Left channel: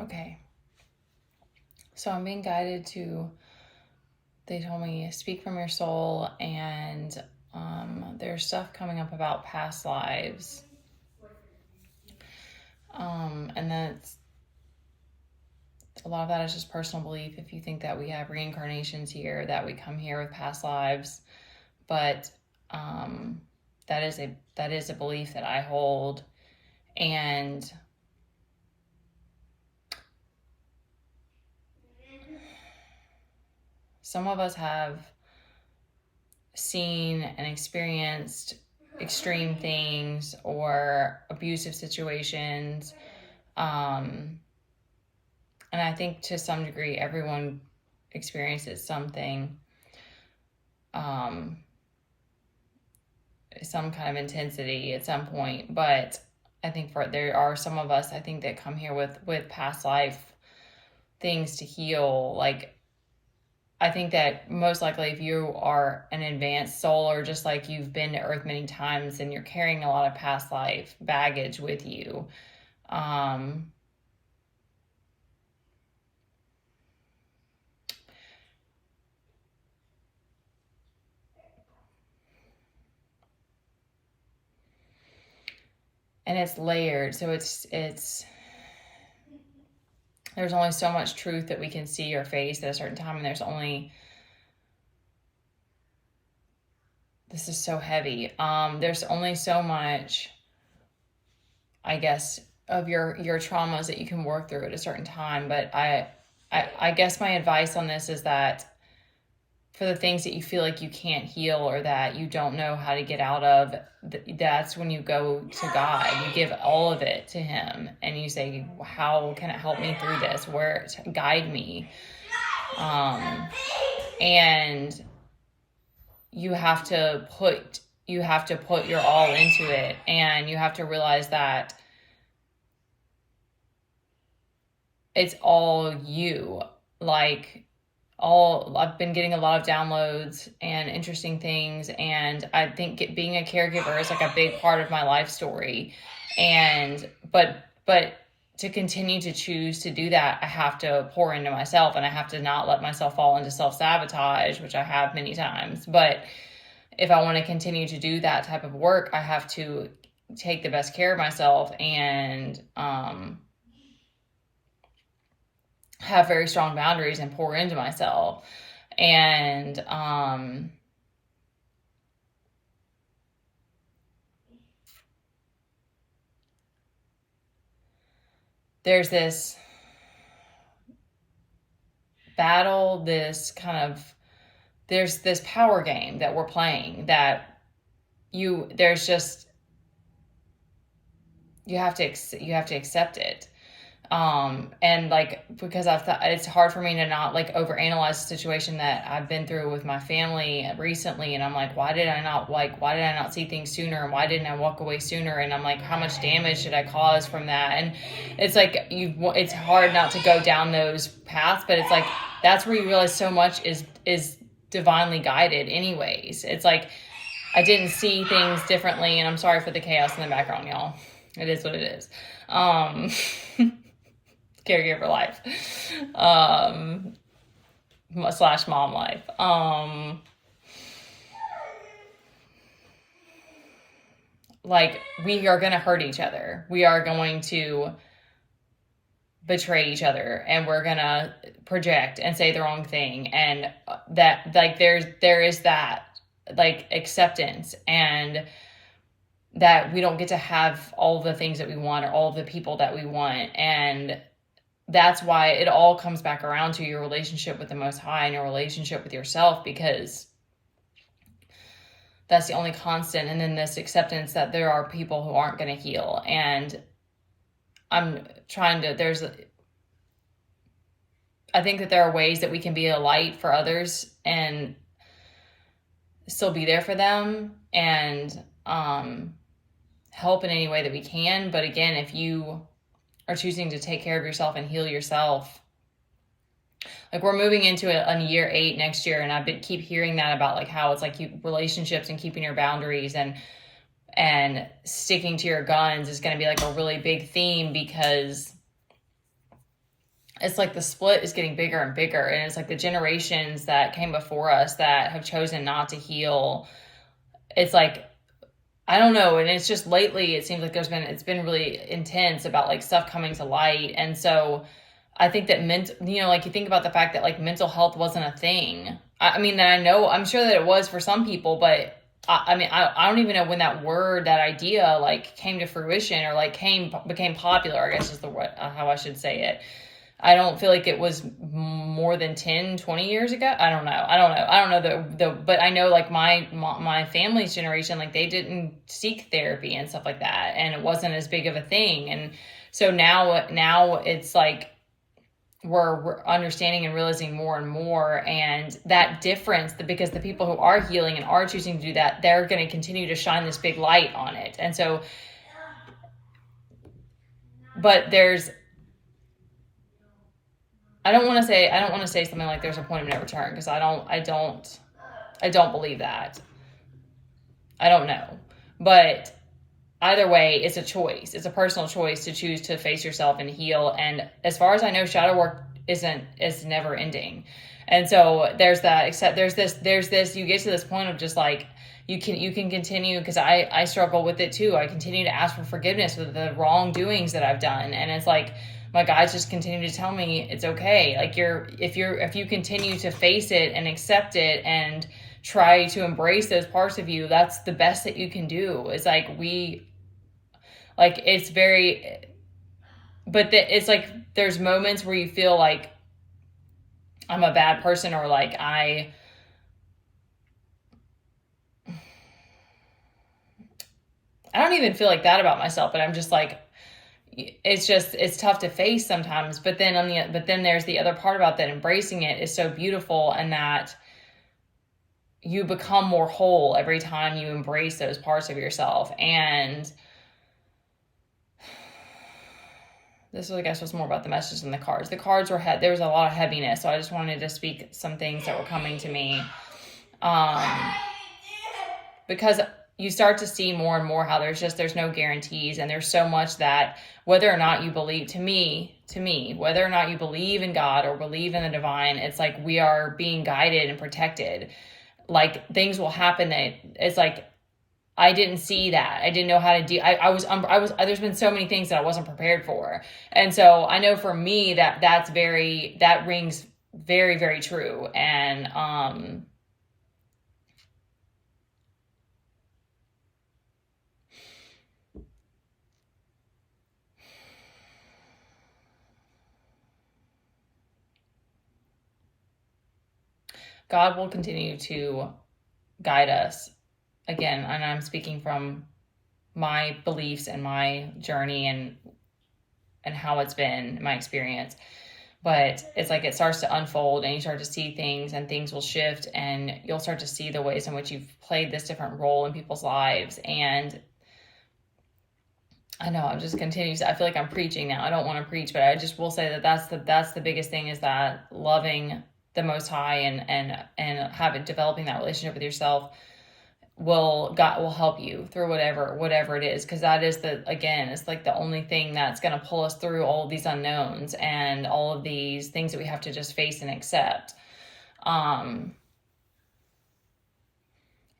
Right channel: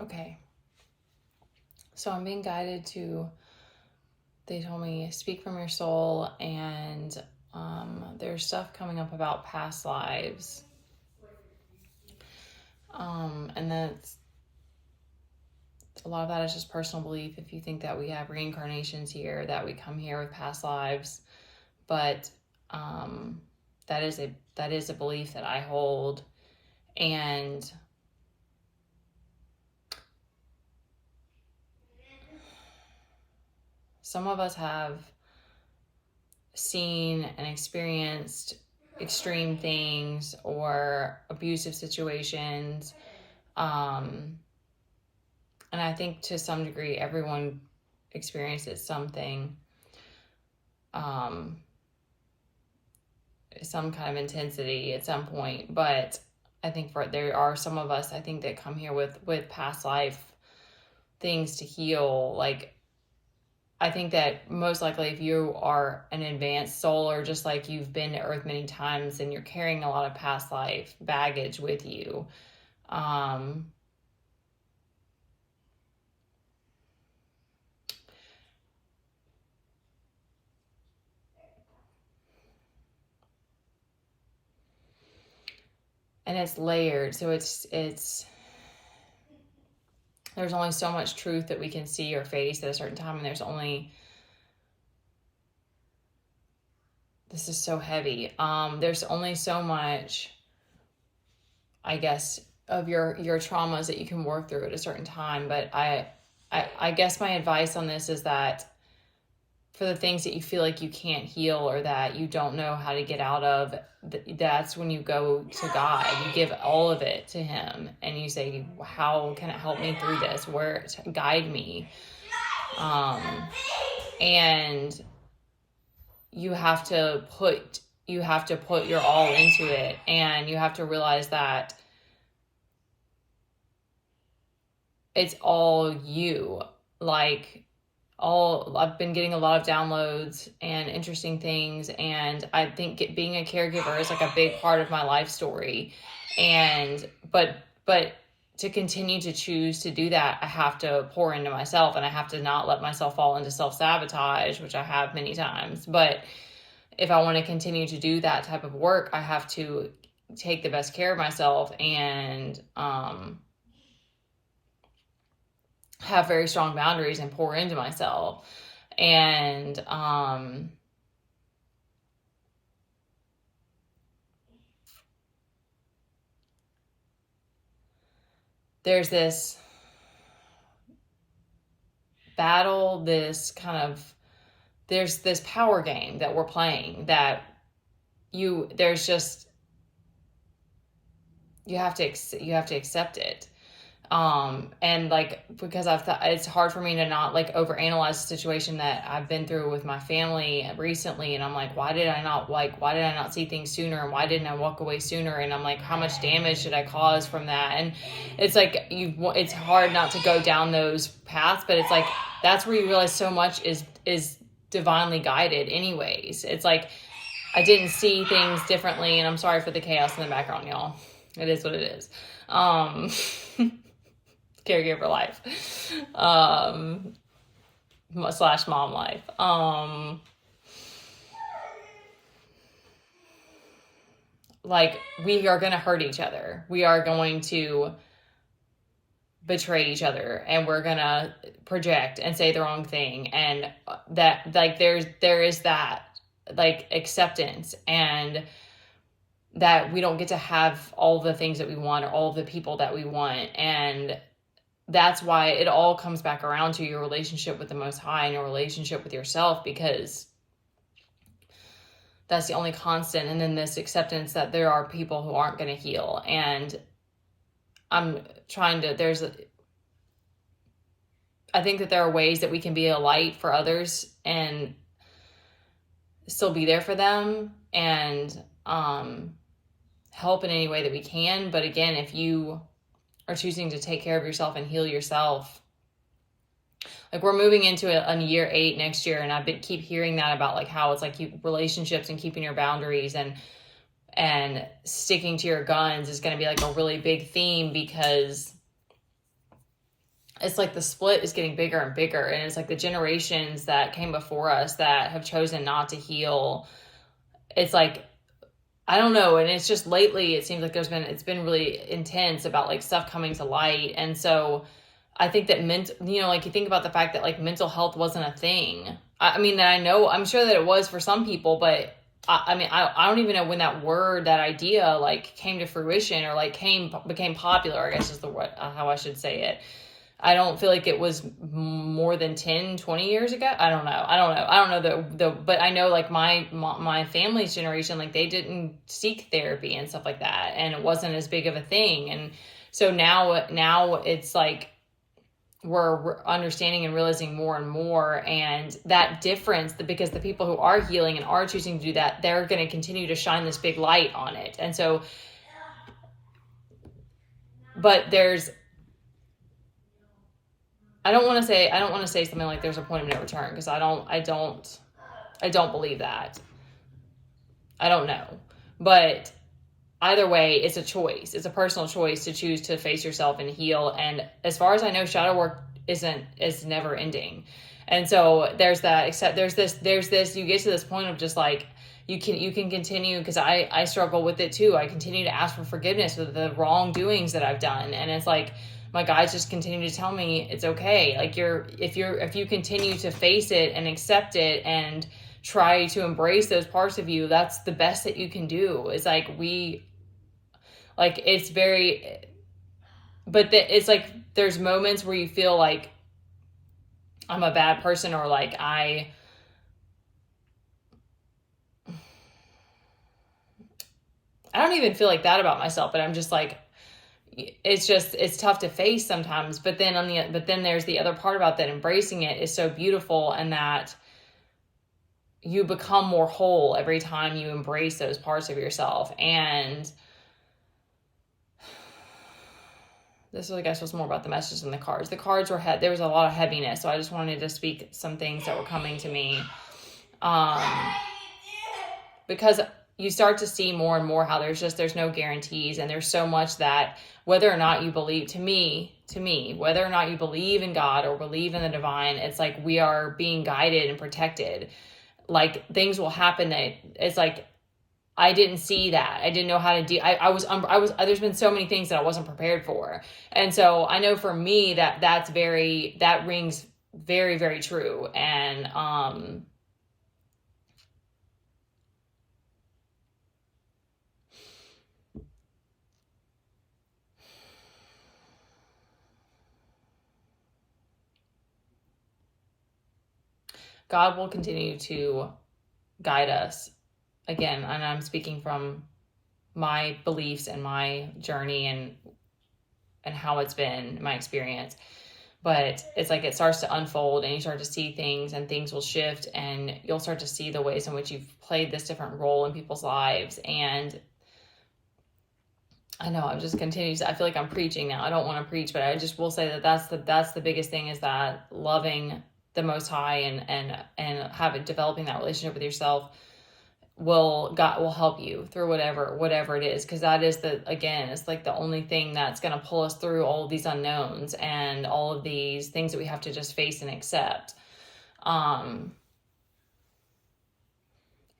Okay. So I'm being guided to, they told me, speak from your soul, and there's stuff coming up about past lives. And that's, a lot of that is just personal belief. If you think that we have reincarnations here, that we come here with past lives, but that is a belief that I hold. And some of us have seen and experienced extreme things or abusive situations. And I think to some degree, everyone experiences something, some kind of intensity at some point. But I think there are some of us, I think, that come here with past life things to heal. Like, I think that most likely if you are an advanced soul, or just like you've been to Earth many times, and you're carrying a lot of past life baggage with you. And it's layered. So it's there's only so much truth that we can see or face at a certain time. And there's only, this is so heavy. There's only so much, I guess, of your traumas that you can work through at a certain time. But I guess my advice on this is that for the things that you feel like you can't heal, or that you don't know how to get out of, that's when you go to God. You give all of it to Him, and you say, how can it help me through this? Where to guide me? And you have to put your all into it, and you have to realize that it's all you. Like, I've been getting a lot of downloads and interesting things, and I think being a caregiver is like a big part of my life story. And but to continue to choose to do that, I have to pour into myself, and I have to not let myself fall into self-sabotage, which I have many times. But if I want to continue to do that type of work, I have to take the best care of myself, and have very strong boundaries and pour into myself. And there's this battle, there's this power game that we're playing, that you have to accept it. And like, because I've thought it's hard for me to not like overanalyze the situation that I've been through with my family recently. And I'm like, why did I not see things sooner? And why didn't I walk away sooner? And I'm like, how much damage did I cause from that? And it's like, it's hard not to go down those paths, but it's like, that's where you realize so much is divinely guided anyways. It's like, I didn't see things differently, and I'm sorry for the chaos in the background, y'all. It is what it is. Caregiver life, / mom life. Like, we are going to hurt each other. We are going to betray each other, and we're going to project and say the wrong thing. And that, like, there is that, like, acceptance, and that we don't get to have all the things that we want, or all the people that we want. And that's why it all comes back around to your relationship with the Most High, and your relationship with yourself, because that's the only constant. And then this acceptance that there are people who aren't going to heal. And I'm trying to, I think that there are ways that we can be a light for others and still be there for them, and help in any way that we can. But again, if you are choosing to take care of yourself and heal yourself, like, we're moving into a year 8 next year, and keep hearing that about, like, how it's like relationships and keeping your boundaries and sticking to your guns is going to be like a really big theme, because it's like the split is getting bigger and bigger, and it's like the generations that came before us that have chosen not to heal. It's like, I don't know, and it's just lately it seems like it's been really intense about like stuff coming to light. And so I think that like you think about the fact that like mental health wasn't a thing. I mean, I know, I'm sure that it was for some people, but I mean, I don't even know when that word, that idea like came to fruition, or like became popular, I guess is the word, how I should say it. I don't feel like it was more than 10, 20 years ago. I don't know. I don't know but I know like my family's generation, like they didn't seek therapy and stuff like that. And it wasn't as big of a thing. And so now it's like, we're understanding and realizing more and more, and that difference, because the people who are healing and are choosing to do that, they're going to continue to shine this big light on it. And so, but I don't want to say something like there's a point of no return, because I don't believe that. I don't know. But either way, it's a choice. It's a personal choice to choose to face yourself and heal. And as far as I know, shadow work is never ending. And so there's that, except there's this, you get to this point of just like, you can continue, because I struggle with it too. I continue to ask for forgiveness for the wrongdoings that I've done. And it's like, my guides just continue to tell me it's okay. Like if you continue to face it and accept it and try to embrace those parts of you, that's the best that you can do. It's like it's very, but it's like, there's moments where you feel like I'm a bad person, or like I don't even feel like that about myself, but I'm just like, it's tough to face sometimes. But then there's the other part about that. Embracing it is so beautiful, and that you become more whole every time you embrace those parts of yourself. And this was, I guess, was more about the messages than the cards. The cards were there was a lot of heaviness, so I just wanted to speak some things that were coming to me, because you start to see more and more how there's no guarantees, and there's so much that, whether or not you believe, to me, whether or not you believe in God or believe in the divine, it's like we are being guided and protected. Like things will happen that it's like, I didn't see that. I didn't know how to do. I was. There's been so many things that I wasn't prepared for, and so I know for me that rings very, very true. And God will continue to guide us. Again, and I'm speaking from my beliefs and my journey and how it's been my experience. But it's like it starts to unfold, and you start to see things, and things will shift, and you'll start to see the ways in which you've played this different role in people's lives. And I know I'm just continuing. I feel like I'm preaching now. I don't want to preach, but I just will say that that's the biggest thing, is that loving the Most High and developing that relationship with yourself God will help you through whatever it is, because that is it's like the only thing that's going to pull us through all of these unknowns and all of these things that we have to just face and accept. And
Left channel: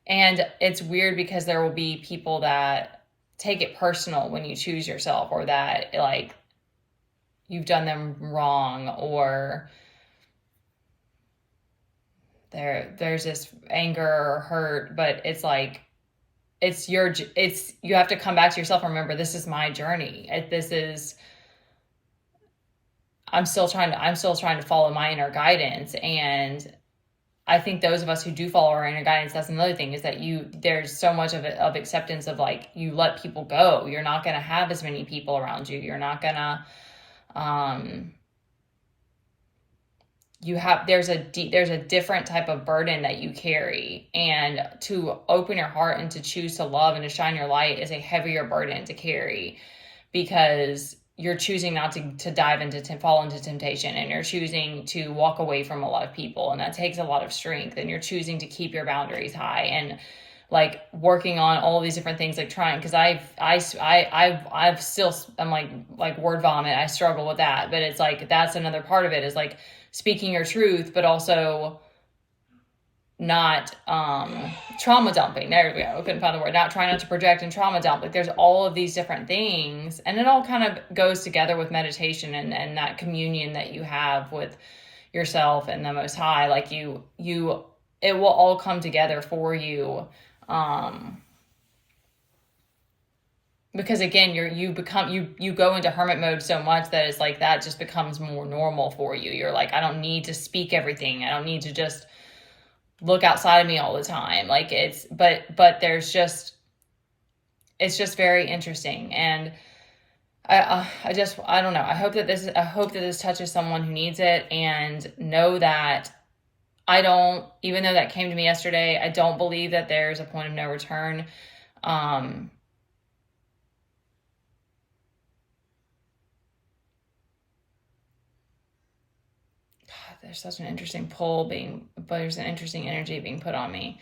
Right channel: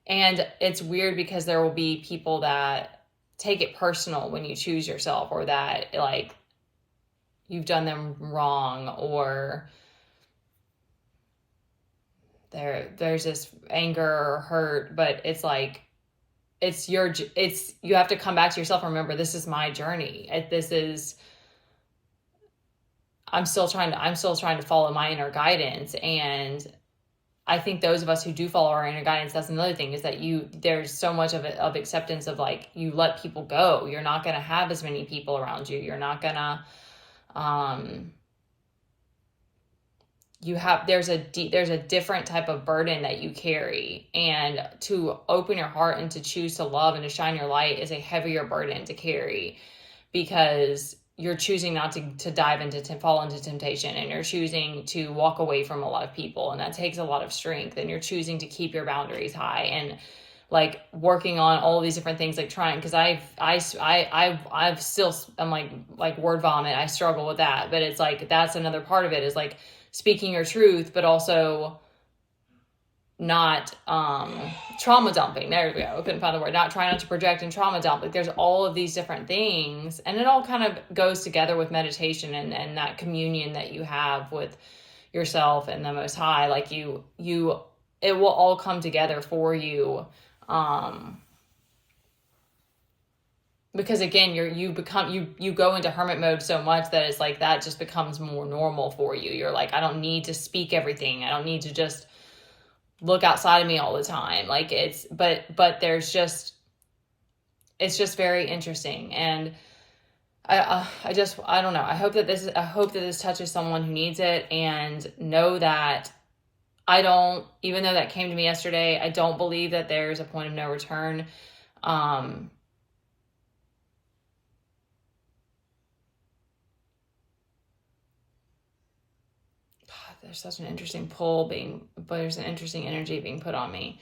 it's weird, because there will be people that take it personal when you choose yourself, or that like you've done them wrong, or there's this anger or hurt. But it's like, you have to come back to yourself and remember, this is my journey. I'm still trying to follow my inner guidance. And I think those of us who do follow our inner guidance, that's another thing, is that there's so much of acceptance of like, you let people go. You're not going to have as many people around you. You're not going to, there's a different type of burden that you carry, and to open your heart and to choose to love and to shine your light is a heavier burden to carry, because you're choosing not to fall into temptation, and you're choosing to walk away from a lot of people, and that takes a lot of strength, and you're choosing to keep your boundaries high. And like working on all these different things, like trying, because I've still, I'm like word vomit. I struggle with that, but it's like, that's another part of it, is like speaking your truth, but also not trauma dumping. There we go. I couldn't find the word. Not trying not to project and trauma dump. Like there's all of these different things, and it all kind of goes together with meditation and that communion that you have with yourself and the Most High. Like it will all come together for you. Because again, you go into hermit mode so much that it's like, that just becomes more normal for you. You're like, I don't need to speak everything. I don't need to just look outside of me all the time. Like but it's just very interesting. And I don't know. I hope that this touches someone who needs it, and know that even though that came to me yesterday, I don't believe that there's a point of no return. There's such an interesting but there's an interesting energy being put on me.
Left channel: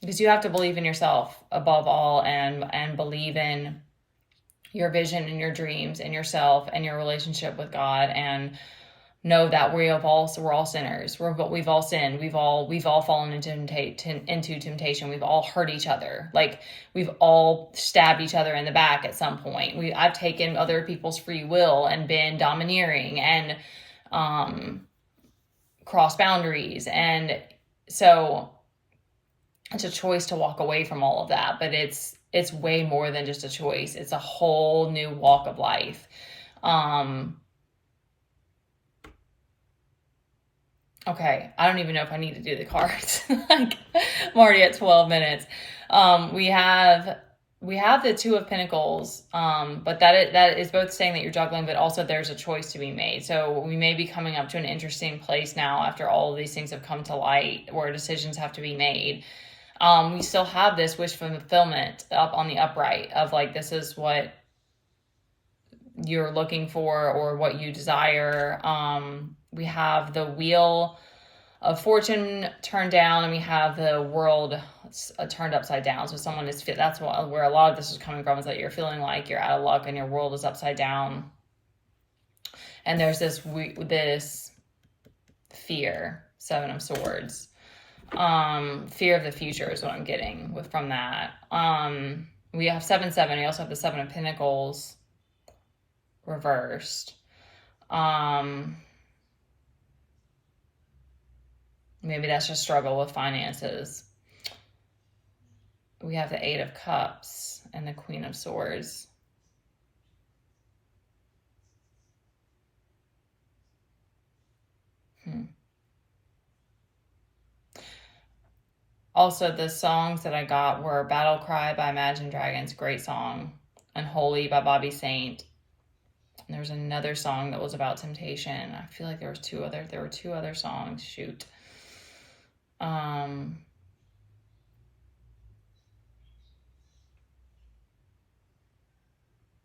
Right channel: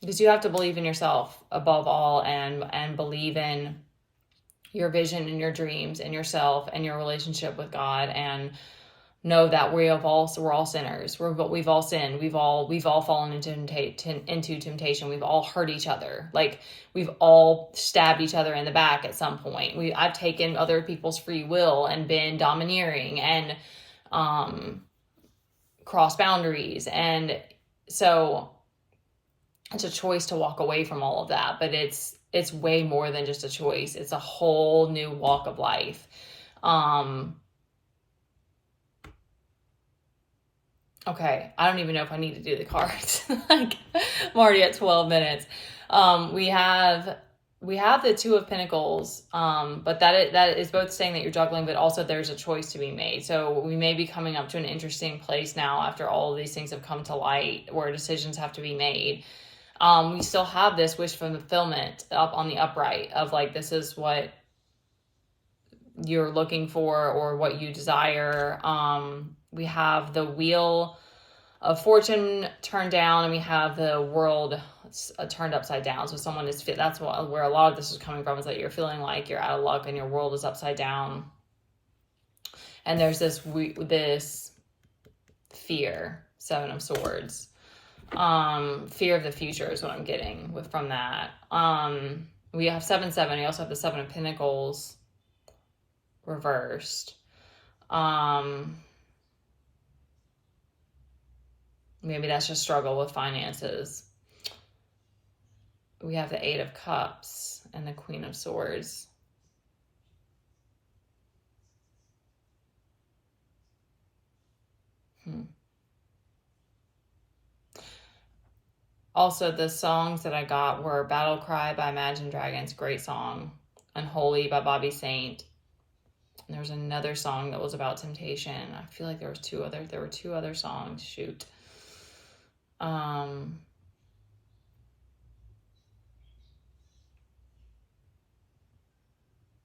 Because you have to believe in yourself above all, and believe in your vision and your dreams and yourself and your relationship with God, and know that we're all sinners. We've all sinned. We've all fallen into temptation. We've all hurt each other. Like we've all stabbed each other in the back at some point. I've taken other people's free will and been domineering and crossed boundaries. And so it's a choice to walk away from all of that, but it's way more than just a choice. It's a whole new walk of life. Okay, I don't even know if I need to do the cards. Like, I'm already at 12 minutes. We have the Two of Pentacles, but that is both saying that you're juggling, but also there's a choice to be made. So we may be coming up to an interesting place now after all of these things have come to light, where decisions have to be made. We still have this wish fulfillment up on the upright of like, this is what you're looking for or what you desire. We have the Wheel of Fortune turned down, and we have the World turned upside down. So someone that's where a lot of this is coming from, is that you're feeling like you're out of luck and your world is upside down. And there's this fear, Seven of Swords. Fear of the future is what I'm getting from that. We have 7-7. We also have the Seven of Pentacles reversed. Maybe that's just struggle with finances. We have the Eight of Cups and the Queen of Swords. Also, the songs that I got were Battle Cry by Imagine Dragons, great song. Unholy by Bobby Saint. And there's another song that was about temptation. I feel like there were two other songs. Shoot.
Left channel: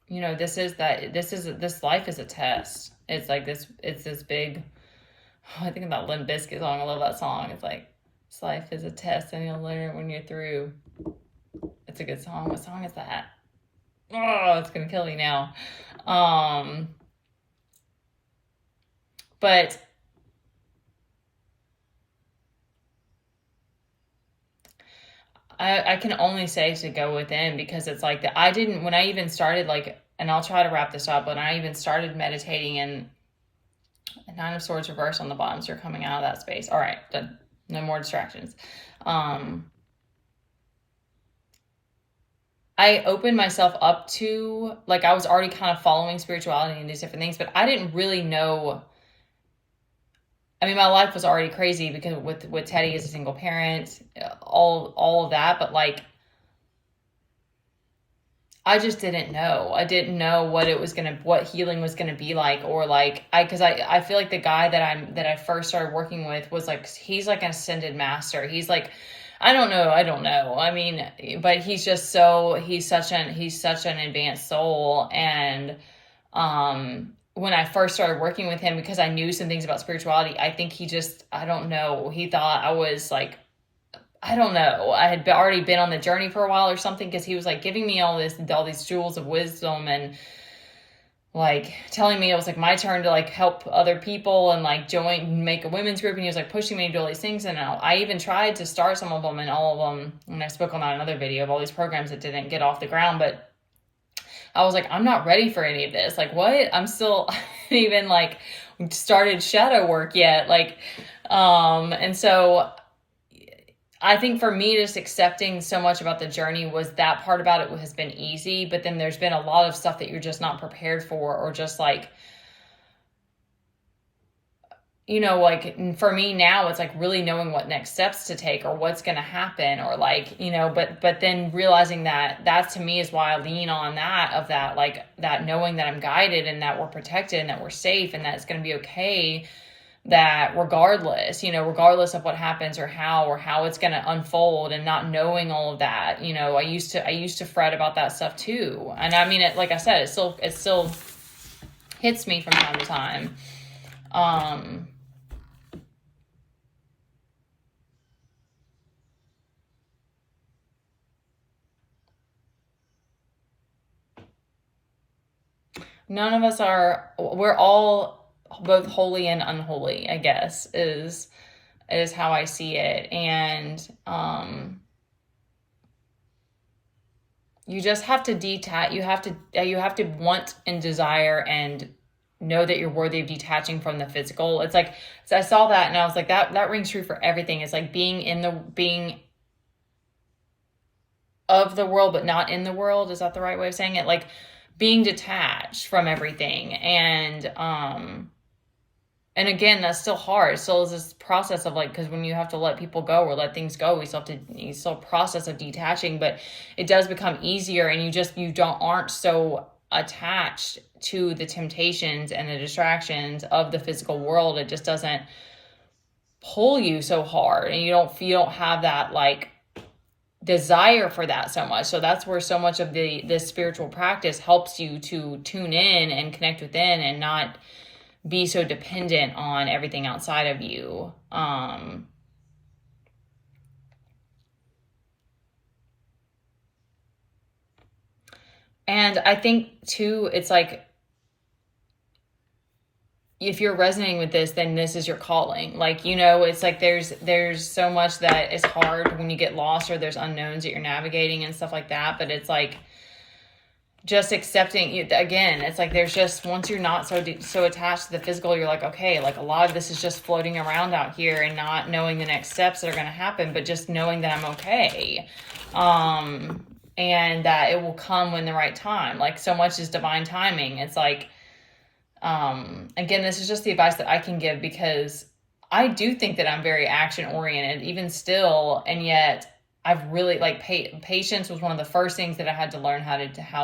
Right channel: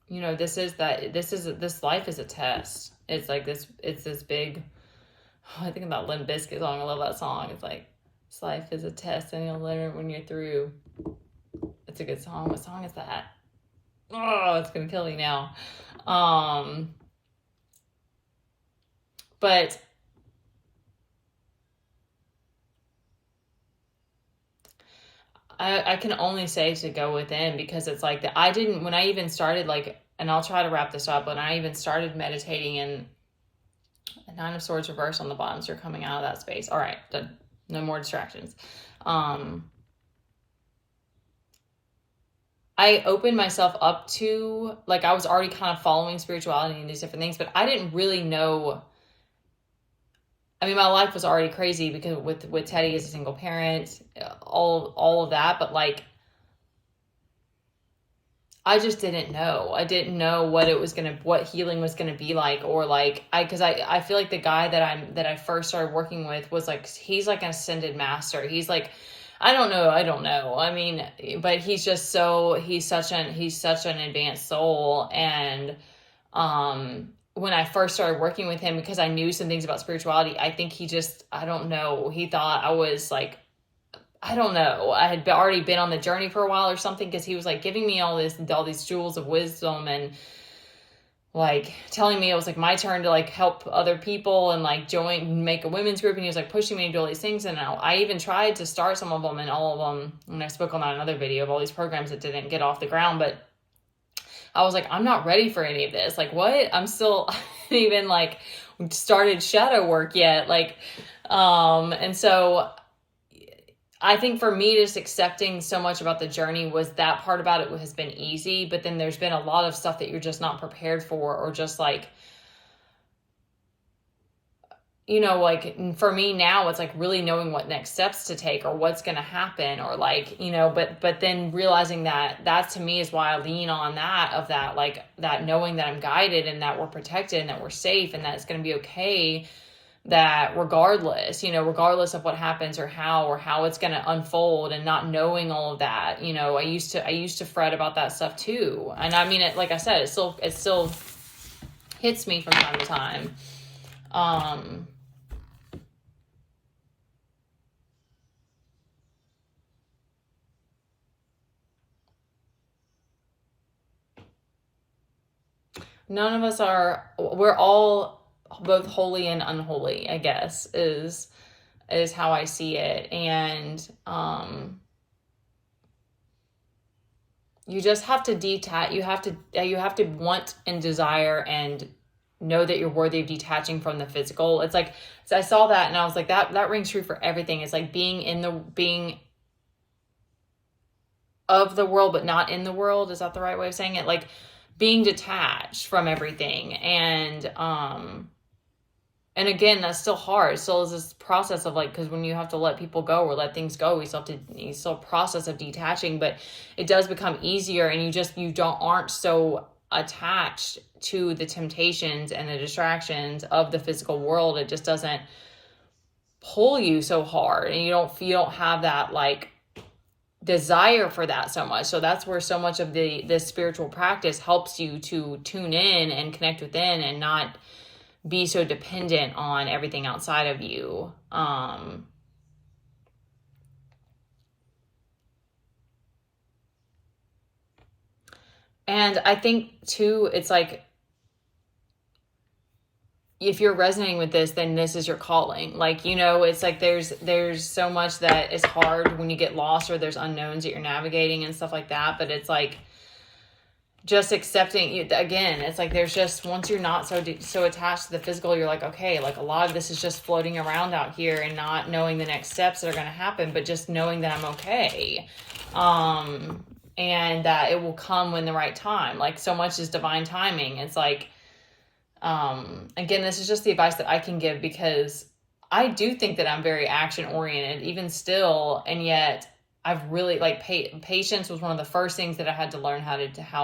You know, this life is a test. It's like it's this big, I think about Limp Bizkit song. I love that song. It's like, this life is a test and you'll learn it when you're through. It's a good song. What song is that? Oh, it's gonna kill me now. But I can only say to go within, because it's like that. When I even started, like, and I'll try to wrap this up, when I even started meditating, and Nine of Swords reversed on the bottom, so you're coming out of that space. All right, done. No more distractions. I opened myself up to, like, I was already kind of following spirituality and these different things, but I didn't really know. I mean, my life was already crazy because with Teddy as a single parent, all of that, but like, I just didn't know. I didn't know what healing was gonna be like, or like, because I feel like the guy that I first started working with was like, he's like an ascended master. He's like, I don't know. I mean, but he's such an advanced soul, and when I first started working with him, because I knew some things about spirituality, I think he just, I don't know, he thought I was like, I don't know, I had already been on the journey for a while or something, because he was like giving me all these jewels of wisdom, and like telling me it was like my turn to like help other people and like make a women's group. And he was like pushing me to do all these things. And I even tried to start some of them, and all of them, and I spoke on that in another video of all these programs that didn't get off the ground. But I was like, I'm not ready for any of this. Like, what? I'm still even like started shadow work yet. Like, and so I think for me, just accepting so much about the journey, was that part about it has been easy. But then there's been a lot of stuff that you're just not prepared for, or just like, you know, like for me now, it's like really knowing what next steps to take, or what's going to happen, or like, you know, but then realizing that to me is why I lean on that, like that knowing that I'm guided, and that we're protected, and that we're safe, and that it's going to be okay, that regardless of what happens, or how it's going to unfold, and not knowing all of that. You know, I used to fret about that stuff too. And I mean, it, like I said, it still hits me from time to time. None of us we're all both holy and unholy, I guess, is how I see it. And you just have to detach. You have to want and desire and know that you're worthy of detaching from the physical. It's like, so I saw that and I was like, that rings true for everything. It's like being of the world, but not in the world. Is that the right way of saying it? Like being detached from everything. And again, that's still hard. Still is this process of like, because when you have to let people go or let things go, you still process of detaching, but it does become easier, and you aren't so attached to the temptations and the distractions of the physical world. It just doesn't pull you so hard, and you don't have that like desire for that so much. So that's where so much of this spiritual practice helps you to tune in and connect within, and not be so dependent on everything outside of you. And I think too, it's like, if you're resonating with this, then this is your calling. Like, you know, it's like there's so much that is hard when you get lost, or there's unknowns that you're navigating and stuff like that. But it's like, just accepting, again, it's like there's just, once you're not so attached to the physical, you're like, okay, like a lot of this is just floating around out here, and not knowing the next steps that are going to happen, but just knowing that I'm okay, and that it will come when the right time. Like, so much is divine timing. It's like, again, this is just the advice that I can give, because I do think that I'm very action oriented even still, and yet I've really like patience was one of the first things that I had to learn how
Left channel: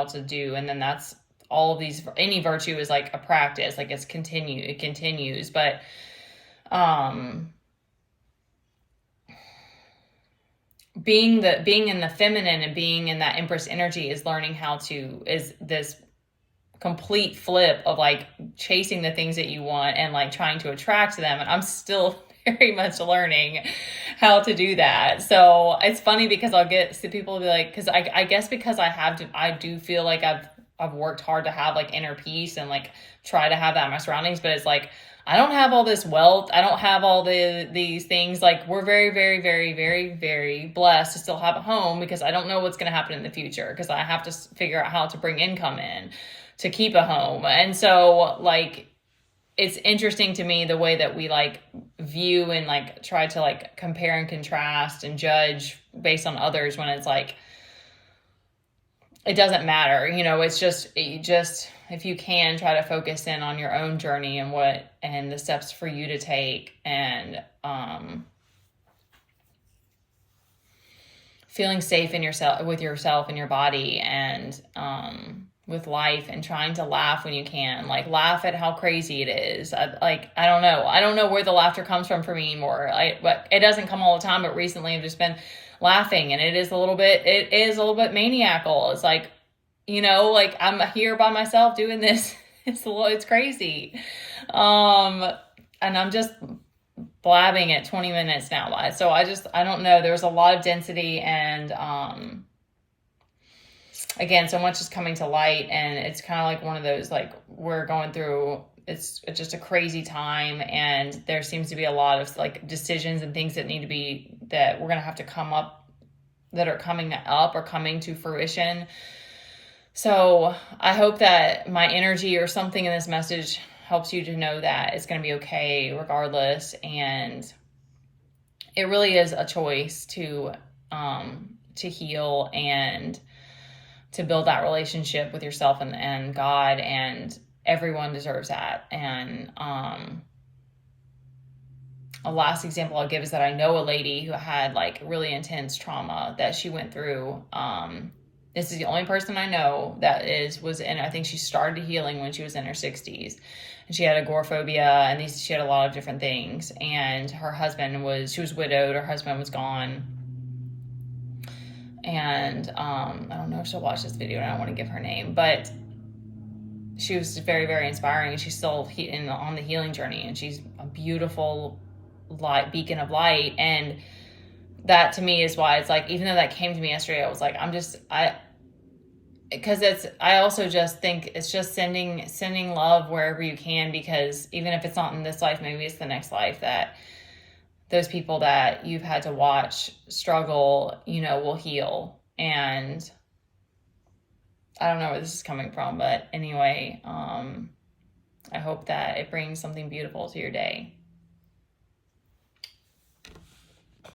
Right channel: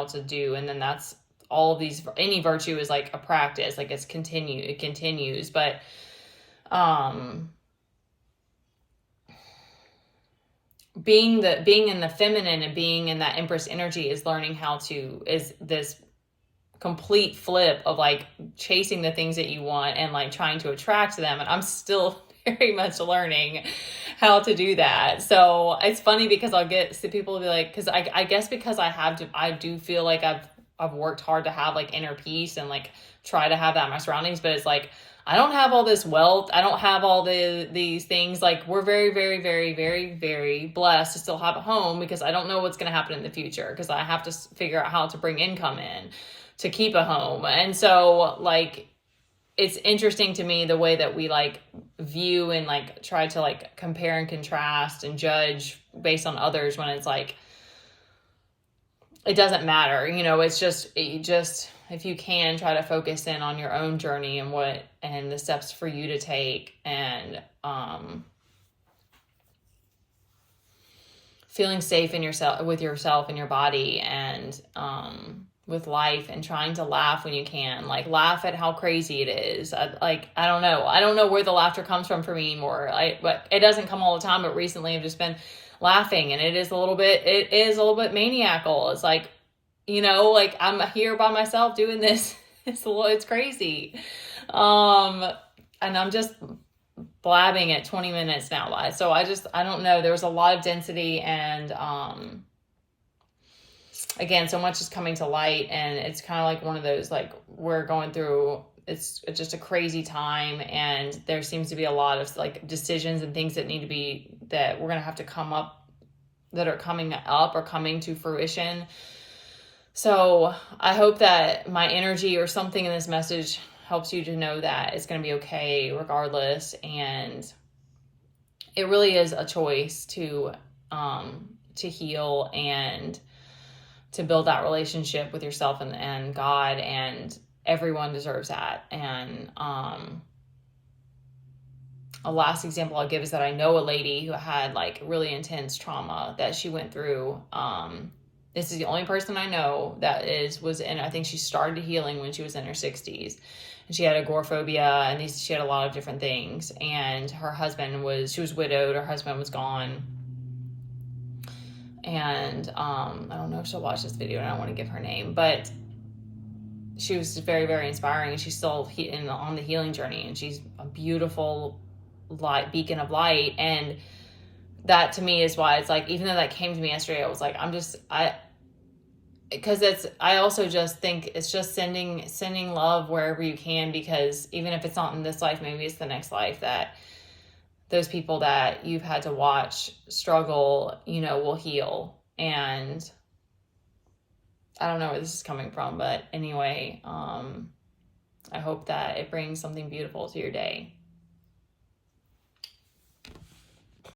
to do. And then that's all of these, any virtue is like a practice, like it continues. But, being in the feminine and being in that Empress energy is this complete flip of like chasing the things that you want and like trying to attract them. And I'm still very much learning how to do that. So it's funny, because I'll get people will be like, because I guess because I do feel like I've worked hard to have like inner peace and like try to have that in my surroundings, but it's like, I don't have all this wealth. I don't have all these things. Like, we're very, very, very, very, very blessed to still have a home, because I don't know what's going to happen in the future, because I have to figure out how to bring income in to keep a home. And so like, it's interesting to me the way that we like view and like try to like compare and contrast and judge based on others, when it's like, it doesn't matter. You know, it's just, if you can, try to focus in on your own journey and the steps for you to take, and feeling safe with yourself and your body, and with life, and trying to laugh when you can, like laugh at how crazy it is. I don't know where the laughter comes from for me anymore. But it doesn't come all the time, but recently I've just been laughing, and it is a little bit maniacal. It's like, you know, like I'm here by myself doing this It's crazy. Um, and I'm just blabbing at 20 minutes now. So I don't know. There's a lot of density and, again, so much is coming to light, and it's kind of like one of those, like, we're going through, it's just a crazy time, and there seems to be a lot of like decisions and things that need to be, that we're going to have to come up, that are coming up or coming to fruition. So I hope that my energy or something in this message helps you to know that it's going to be okay regardless. And it really is a choice to heal and to build that relationship with yourself and God, and everyone deserves that. And a last example I'll give is that I know a lady who had like really intense trauma that she went through. This is the only person I know that was in, I think she started healing when she was in her 60s. And she had agoraphobia, and she had a lot of different things. And her husband she was widowed, her husband was gone. And I don't know if she'll watch this video, and I don't want to give her name, but she was very, very inspiring, and she's still on the healing journey, and she's a beautiful beacon of light. And that to me is why it's like, even though that came to me yesterday, I was like, because I also just think it's just sending love wherever you can, because even if it's not in this life, maybe it's the next life, that those people that you've had to watch struggle, will heal. And I don't know where this is coming from, but anyway, I hope that it brings something beautiful to your day.